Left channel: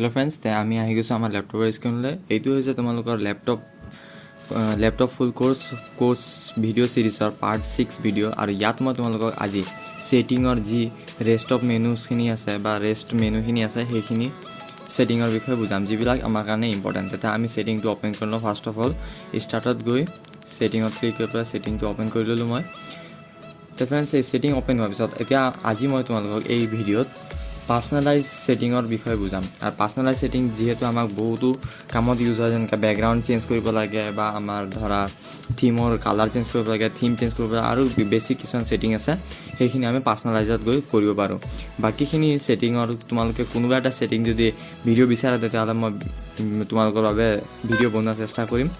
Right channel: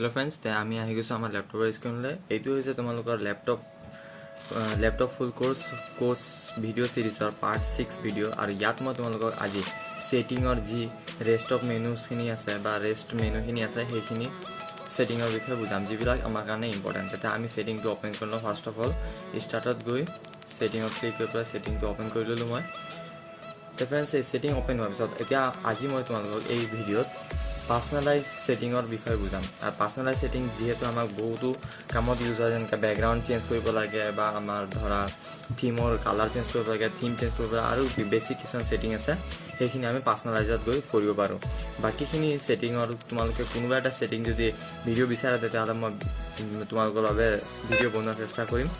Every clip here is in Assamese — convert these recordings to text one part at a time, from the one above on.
हेलो फ्रेंड्स ते आमी आहि গৈছো আমাৰ ল্যাপটপৰ স্ক্ৰিনলৈ এইটো হৈছে তোমালোকৰ ল্যাপটপ ফুল কোৰ্স ভিডিও সিৰিজৰ পাৰ্ট 6 ভিডিও আৰু ইয়াত মই তোমালোকক আজি সেটিংৰ যি ৰেষ্ট অফ মেনুখিনি আছে বা ৰেষ্ট মেনুখিনি আছে সেইখিনি সেটিংৰ বিষয়ে বুজাম যিবিলাক আমাৰ কাৰণে ইম্পৰ্টেন্ট এটা আমি সেটিংটো ওপেন কৰিলো ফাৰ্স্ট অফ অল স্টাৰ্টত গৈ সেটিংত ক্লিক কৰি সেটিংটো ওপেন কৰি ললো মই তো फ्रेंड्स এই সেটিং ওপেন হোৱাৰ পিছত এতিয়া আজি মই তোমালোকক এই ভিডিওত পাৰ্সোনালাইজ সেটিংৰ বিষয়ে বুজাম আৰু পাৰ্সোনালাইজ সেটিং যেহেতু আমাক বহুতো কামত ইউজ হয় যেনেকৈ ব্যাকগ্ৰাউন্ড চেঞ্জ কৰিব লাগে বা আমাৰ ধৰা থিমৰ কালাৰ চেঞ্জ কৰিব লাগে থিম চেঞ্জ কৰিব আৰু বেসিক কিছুমান সেটিং আছে সেইখিনি আমি পাৰ্সোনালাইজত গৈ কৰিব পাৰো বাকিখিনি সেটিংৰ তোমালোকে কোনোবা এটা সেটিং যদি ভিডিও বিচাৰা তেতিয়াহ'লে মই তোমালোকৰ বাবে ভিডিও বনোৱাৰ চেষ্টা কৰিম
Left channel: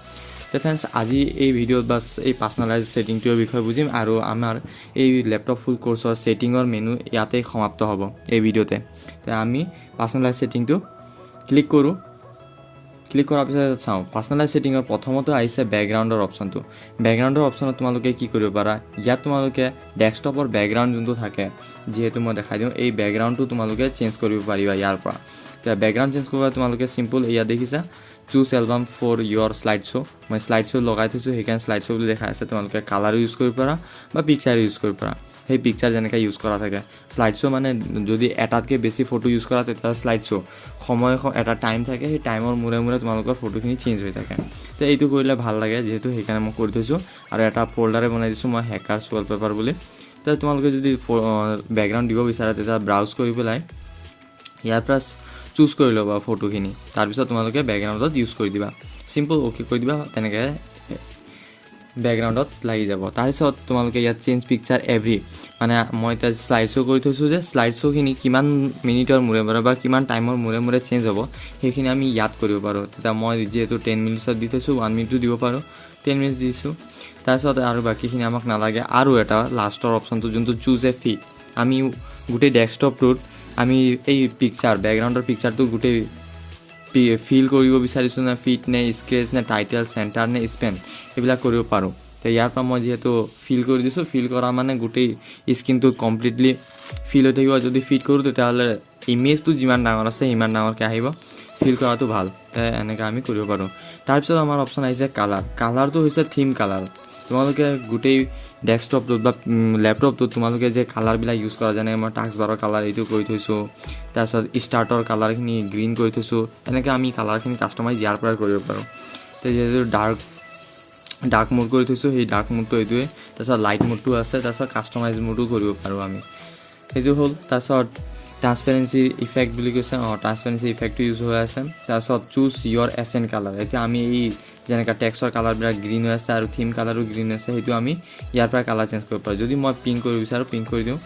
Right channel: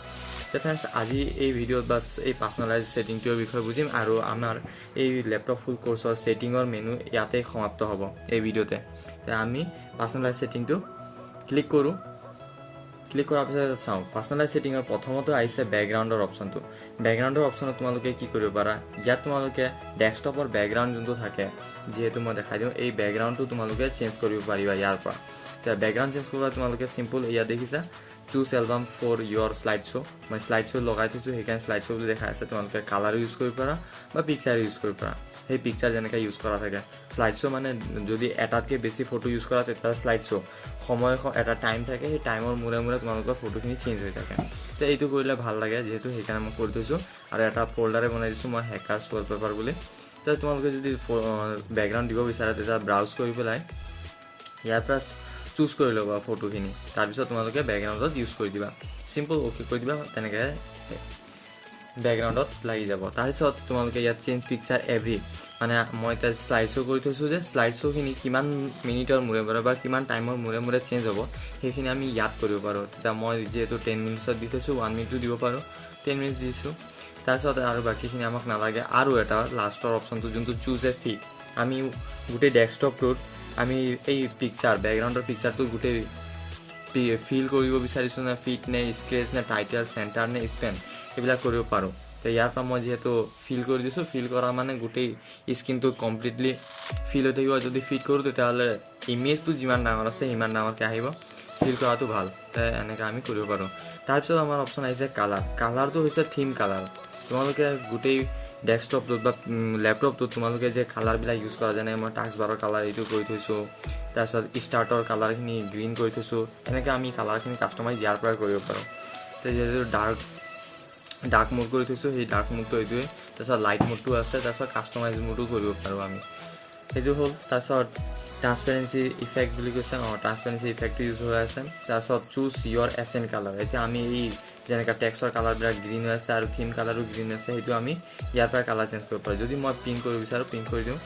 তো फ्रेंड्स আজি এই ভিডিওত বাস এই পাৰ্সোনালাইজ সেটিংটোৰ বিষয়ে বুজিম আৰু আমাৰ এই ল্যাপটপ ফুল কোৰ্সৰ সেটিংৰ মেনু ইয়াতে সমাপ্ত হ'ব এই ভিডিওতে তো আমি পাৰ্সোনালাইজ সেটিংটো ক্লিক কৰো ক্লিক কৰাৰ পিছত চাওঁ পাৰ্সোনালাইজ সেটিংৰ প্ৰথমতে আহিছে ব্যাকগ্ৰাউণ্ডৰ অপচনটো ব্যাকগ্ৰাউণ্ডৰ অপচনত তোমালোকে কি কৰিব পাৰা ইয়াত তোমালোকে ডেস্কটপৰ ব্যাকগ্ৰাউণ্ড যোনটো থাকে যেহেতু মই দেখাই দিওঁ এই ব্যাকগ্ৰাউণ্ডটো তোমালোকে চেঞ্জ কৰিব পাৰিবা ইয়াৰ পৰা তো ব্যাকগ্ৰাউণ্ড চেঞ্জ কৰিব তোমালোকে সিম্পল ইয়া দেখিছা choose album for your slideshow মই slideshow লগাই থৈছো হেকান slideshow বুলি দেখা আছে তোমালোকে কালাৰ ইউজ কৰিব পাৰা বা পিকচাৰ ইউজ কৰিব পাৰা সেই পিকচাৰ যেনেকা ইউজ কৰা থাকে slideshow মানে যদি এটাতকে বেছি ফটো ইউজ কৰা তেতিয়া slideshow সময় এটা টাইম থাকে সেই টাইমৰ মুৰে মুৰে তোমালোকৰ ফটোখিনি চেঞ্জ হৈ থাকে তো এইটো কৰিলে ভাল লাগে যেহেতু হেকানে মই কৰি থৈছো আৰু এটা ফোল্ডাৰে বনাই দিছো মই হ্যাকাৰ্স ওয়ালপেপাৰ বুলি তো তোমালোকে যদি ব্যাকগ্ৰাউণ্ড দিব বিচাৰা তেতিয়া ব্ৰাউজ কৰি পেলাই ইয়াৰ পৰা চুজ কৰি লবা ফটোখিনি তাৰ পিছত তোমালোকে ব্যাকগ্ৰাউণ্ডত ইউজ কৰি দিবা সিম্পল ওকে কৰি দিবা তেনেকৈ ব্যাকগ্ৰাউণ্ডত লাগি যাব তাৰ পিছত তোমালোকে ইয়াত চেঞ্জ পিকচাৰ এভৰি মানে মই এটা স্লাইড শো কৰি থৈছো যে স্লাইড শোখিনি কিমান মিনিটৰ মুৰে মুৰে বা কিমান টাইমৰ মুৰে মুৰে চেঞ্জ হ'ব সেইখিনি আমি ইয়াত কৰিব পাৰো তেতিয়া মই যেহেতু 10 মিনিটত দি থৈছো 1 মিনিটটো দিব পাৰো 10 মিনিট দিছো তাৰপিছত আৰু বাকিখিনি আমাক নালাগে আৰু এটা লাষ্টৰ অপচনটো যোনটো চুজ এ ফিট আমি গোটেই ডেস্কটপটোত আমি এই পিকচাৰ ব্যাকগ্ৰাউণ্ডৰ পিকচাৰটো গোটেই ফিল কৰিব বিচাৰিছো না ফিট নে স্কেচ নে টাইটেল সেন্টাৰ নে স্পেন এইবিলাক কৰিব পাৰো তো ইয়াৰ পৰা মই যেহেতু ফিল কৰি দিছো ফিল কৰা মানে গোটেই স্ক্ৰিনটো কমপ্লিটলি ফিল হৈ থাকিব যদি ফিট কৰো তেতিয়াহ'লে ইমেজটো যিমান ডাঙৰ আছে ইমান ডাঙৰকৈ আহিব ফিল কৰাটো ভাল এনেকৈ আমি কৰিব পাৰো তাৰপিছত আমাৰ অপচন আহিছে কালাৰটো হৈছে থিম কালাৰ তোমালোকে গোটেই ডেস্কটপটো বা ল্যাপটপটো তোমালোকে যে কালাৰবিলাক ইউজ কৰা যেনে মই টাস্ক বাৰৰ কালাৰ এইটো কৰি থৈছো তাৰপিছত ষ্টাৰ্টৰ কালাৰখিনি গ্ৰীণ কৰি থৈছো এনেকৈ আমি কালাৰখিনি কাষ্টমাইজ ইয়াৰ পৰা কৰিব পাৰো তো যেহেতু ডাৰ্ক মোড কৰি থৈছো সেই ডাৰ্ক মোডটো এইটোৱে তাৰপিছত লাইট মোডটো আছে তাৰপিছত কাষ্টমাইজ মোডো কৰিব পাৰো আমি সেইটো হ'ল তাৰপিছত ট্ৰান্সপাৰেন্সি ইফেক্ট বুলি কৈছে ট্ৰান্সপাৰেন্সি ইফেক্টটো ইউজ হৈ আছে তাৰপিছত চুজ ইয়ৰ এসেন্ট কালাৰ এতিয়া আমি এই যেনেকা টেক্সটৰ কালাৰবিলাক গ্ৰীণ হৈ আছে আৰু থিম কালাৰো গ্ৰীণ আছে সেইটো আমি ইয়াৰ পৰা কালাৰ চেঞ্জ কৰিব পাৰোঁ যদি মই পিংক কৰিব বিচাৰোঁ পিংক কৰি দিওঁ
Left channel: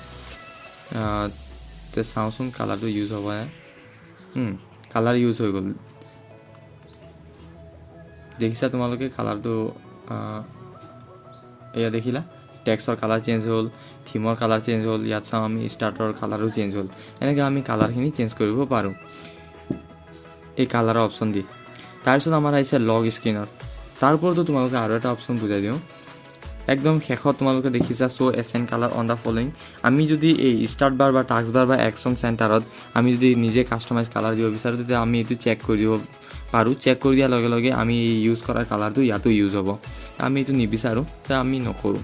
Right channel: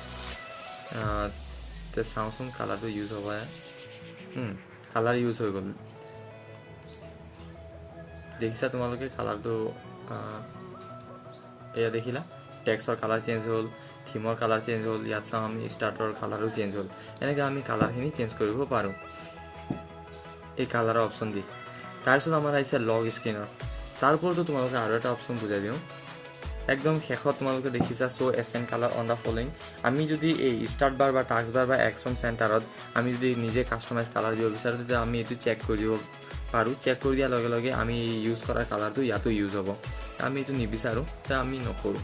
তো চাওঁচোন কালাৰটো ইউজ হ'ব কালাৰ ইউজ হৈ গ'ল দেখিছা তোমালোকে কালাৰটো এয়া দেখিলা টেক্সটৰ কালাৰ চেঞ্জ হ'ল থিমৰ কালাৰ চেঞ্জ হ'ল ইয়াত চাওঁ আমি ষ্টাৰ্টৰ কালাৰো চেঞ্জ হ'ল এনেকৈ আমি কালাৰখিনি চেঞ্জ কৰিব পাৰোঁ এই কালাৰৰ অপশ্যন দি তাৰপিছত আমাৰ আহিছে লগ স্ক্ৰিনৰ তাৰ ওপৰতো তোমালোকে আৰু এটা অপশ্যন বুজাই দিওঁ একদম শেষত তোমালোকে দেখিছা show' accent colour on the following আমি যদি এই ষ্টাৰ্ট বাৰ বা টাস্ক বাৰ বা একশ্যন চেণ্টাৰত আমি যদি নিজে কাষ্টমাইজ কালাৰ দিব বিচাৰোঁ তেতিয়া আমি এইটো চেক কৰি দিব পাৰোঁ চেক কৰি দিয়াৰ লগে লগে আমি ইউজ কৰা কালাৰটো ইয়াতো ইউজ হ'ব আমি এইটো নিবিচাৰোঁ তেতিয়া আমি নকৰোঁ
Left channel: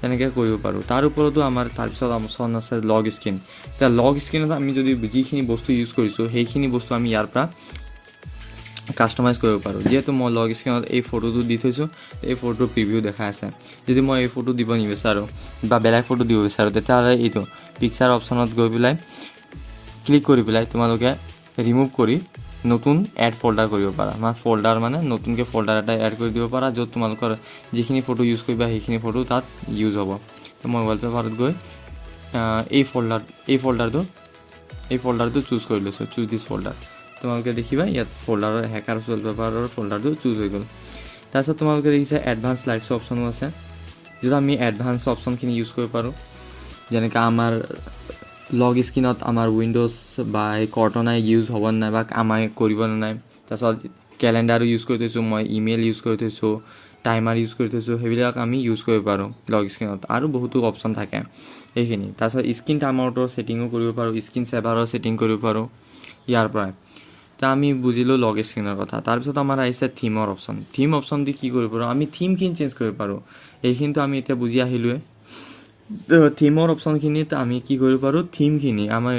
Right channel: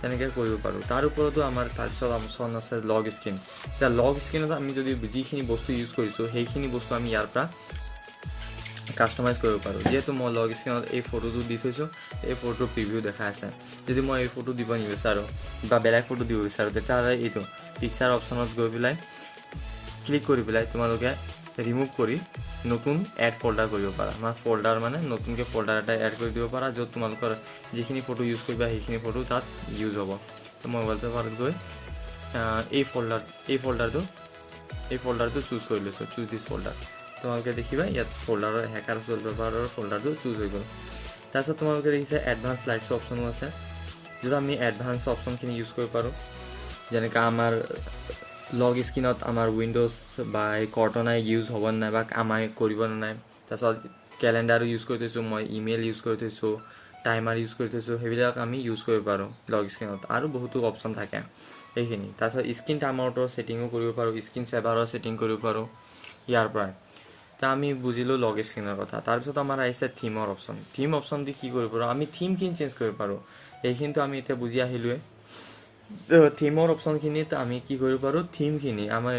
তেনেকৈ কৰিব পাৰোঁ তাৰ ওপৰতো আমাৰ তাৰপিছত অপশ্যন আছে লগ স্ক্ৰিন এতিয়া লগ স্ক্ৰিনত আমি যদি যিখিনি বস্তু ইউজ কৰিছোঁ সেইখিনি বস্তু আমি ইয়াৰ পৰা কাষ্টমাইজ কৰিব পাৰোঁ যেহেতু মই লগ স্ক্ৰিনত এই ফটোটো দি থৈছোঁ এই ফটোৰ প্ৰিভিউ দেখাই আছে যদি মই এই ফটো দিব নিবিচাৰোঁ বা বেলেগ ফটো দিব বিচাৰোঁ তেতিয়াহ'লে এইটো পিকচাৰ অপশ্যনত গৈ পেলাই ক্লিক কৰি পেলাই তোমালোকে ৰিমুভ কৰি নতুন এড ফোল্ডাৰ কৰিব পাৰা ফোল্ডাৰ মানে নতুনকৈ ফোল্ডাৰ এটা এড কৰি দিব পাৰা য'ত তোমালোকৰ যিখিনি ফটো ইউজ কৰিবা সেইখিনি ফটো তাত ইউজ হ'ব তো মই ৱালপেপাৰত গৈ এই ফোল্ডাৰটো চুজ কৰি লৈছোঁ চুজ দিছ ফোল্ডাৰ তোমালোকে দেখিবা ইয়াত ফোল্ডাৰৰ হ্যাকাৰ্স ওয়ালপেপাৰৰ ফোল্ডাৰটো চুজ হৈ গ'ল তাৰপিছত তোমালোকে দেখিছা এডভান্স স্লাইডছ অপশ্যনো আছে যদি আমি এডভান্স অপশ্যনখিনি ইউজ কৰিব পাৰোঁ যেনেকৈ আমাৰ লগ স্ক্ৰিনত আমাৰ উইণ্ডোজ বা এই কৰ্টনাই ইউজ হ'ব নাই বা আমাৰ কৰিব নাই তাৰপিছত কেলেণ্ডাৰো ইউজ কৰি থৈছোঁ মই ইমেইল ইউজ কৰি থৈছোঁ টাইমাৰ ইউজ কৰি থৈছোঁ সেইবিলাক আমি ইউজ কৰিব পাৰোঁ লগ স্ক্ৰিনত আৰু বহুতো অপশ্যন থাকে এইখিনি তাৰপিছত স্ক্ৰিন টাইম আউটৰ ছেটিঙো কৰিব পাৰোঁ স্ক্ৰিন সেভাৰৰ ছেটিং কৰিব পাৰোঁ ইয়াৰ পৰা তো আমি বুজিলোঁ লগ স্ক্ৰীনৰ কথা। তাৰপিছত আমাৰ আহিছে থিমৰ অপশ্যন। থিম অপশ্যন দি কি কৰিব পাৰোঁ, আমি থিমখিনি চেঞ্জ কৰিব পাৰোঁ। এইখিনিতো আমি এতিয়া বুজি আহিলোৱে। থিমৰ অপশ্যনখিনিত আমি কি কৰিব পাৰোঁ, থিমখিনি আমাৰ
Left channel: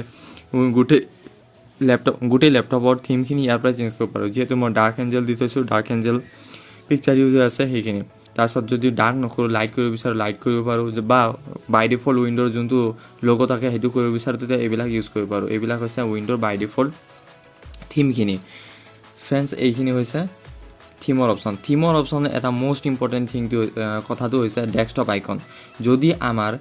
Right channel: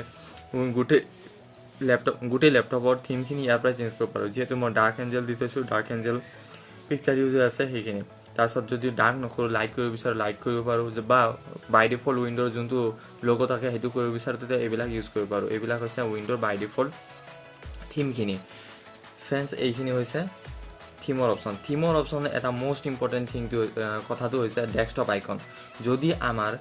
গোটেই লেপটপৰ থিমখিনি ইয়াৰ পৰা চেঞ্জ কৰিব পাৰোঁ। যিহেতু মই ডাৰ্ক এঞ্জেল দি থৈছোঁ, ডাৰ্ক এঞ্জেল পিকচাৰ ইউজ আছে সেইখিনি। তাৰপিছত যদি ডাৰ্ক নকৰোঁ, লাইট কৰিব বিচাৰোঁ, লাইট কৰিব পাৰোঁ, বা বাই ডিফল্ট উইণ্ড'ৰ যোনটো লগ' থাকে সেইটো কৰিব বিচাৰোঁ, তেতিয়া এইবিলাক ইউজ কৰিব পাৰোঁ। এইবিলাক হৈছে উইণ্ড'ৰ বাই ডিফল্ট থিমখিনি। ফ্ৰেণ্ডছ, এইখিনি হৈছে থিমৰ অপশ্যন। থিমৰ অপশ্যন এটা মষ্ট ইম্পৰ্টেণ্ট কথাটো হৈছে ডেস্কটপ আইকন। যদি আমাৰ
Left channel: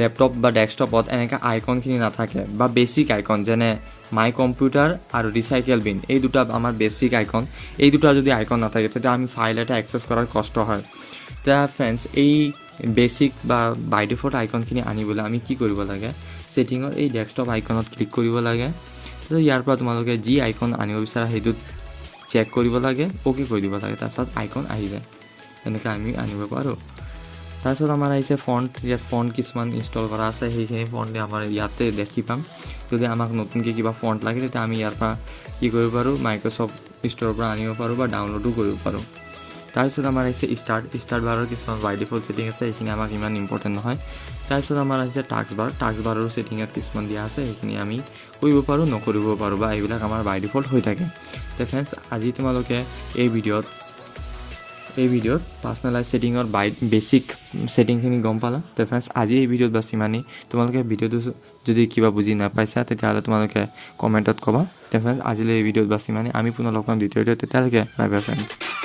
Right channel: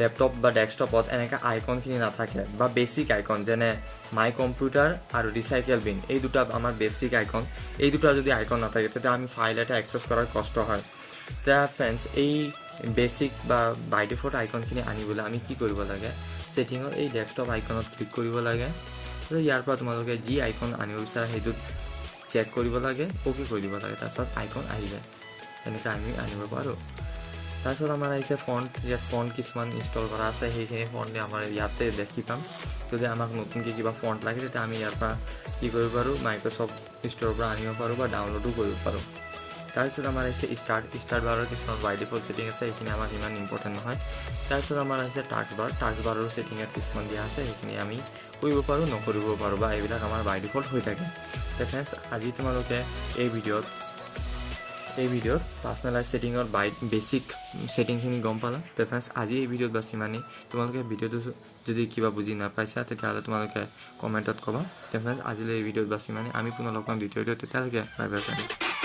লেপটপ বা ডেস্কটপত এনেকৈ আইকনখিনি নাথাকে, বা বেছিক আইকন যেনে মাই কম্পিউটাৰ আৰু ৰিচাইকেল বিন, এই দুটা আমাৰ বেছিক আইকন, এই দুটা যদি আইকন নাথাকে তেতিয়া আমি ফাইল এটা এক্সেছ কৰাৰ কষ্ট হয়। তেতিয়া ফ্ৰেণ্ডছ, এই বেছিক বা বাই ডিফল্ট আইকনখিনি আনিবলৈ আমি কি কৰিব লাগে, ছেটিঙৰ এই ডেস্কটপ আইকনত ক্লিক কৰিব লাগে। ইয়াৰ পৰা তোমালোকে যি আইকন আনিব বিচাৰা সেইটোত চেক কৰিব লাগে, অ'কে কৰি দিব লাগে, তাৰপিছত আইকন আহি যায়। এনেকৈ আমি আনিব পাৰোঁ। তাৰপিছত আমাৰ আহিছে ফণ্ট। ইয়াত ফণ্ট কিছুমান ইনষ্টল কৰা আছে, সেইখিনি ফণ্ট আমাৰ ইয়াতে দেখি পাম। যদি আমাক নতুনকৈ কিবা ফণ্ট লাগে তেতিয়া আমি ইয়াৰ পৰা কি কৰিব পাৰোঁ, মাইক্ৰ'ছফ্ট ষ্ট'ৰৰ পৰা আনিব পাৰোঁ বা ডাউনলোডো কৰিব পাৰোঁ। তাৰপিছত আমাৰ আহিছে ষ্টাৰ্ট বাৰৰ কিছুমান বাই ডিফল্ট ছেটিং আছে, সেইখিনি আমাক ইমান ইম্পৰ্টেণ্ট নহয়। তাৰপিছত আমাৰ আহিছে টাস্ক বাৰৰো ছেটিঙত কিছুমান দিয়া আছে, সেইখিনি আমি কৰিব পাৰোঁ, নকৰিব পাৰোঁ, বা এইবিলাক আমাৰ বাই ডিফল্ট হৈ থাকে। ফ্ৰেণ্ডছ, আজি তোমালোকে এই ভিডিঅ'ত পাৰ্চনেলাইজ ছেটিঙৰ বেছিক ছেটিংখিনি গম পালা। ফ্ৰেণ্ডছ, আজি এই ভিডিঅ'ত বাছ ইমানেই। তোমালোকে ভিডিঅ'টো যদি কিবা বুজি নাপাইছা তেতিয়াহ'লে তোমালোকে কমেণ্টত ক'বা। ফ্ৰেণ্ডছ, আজিলৈ এই ভিডিঅ'ত বাছ ইমানেই। আমি পুনৰ লগ পাম দ্বিতীয় ভিডিঅ'ত। তেতিয়ালৈকে বাই বাই ফ্ৰেণ্ডছ।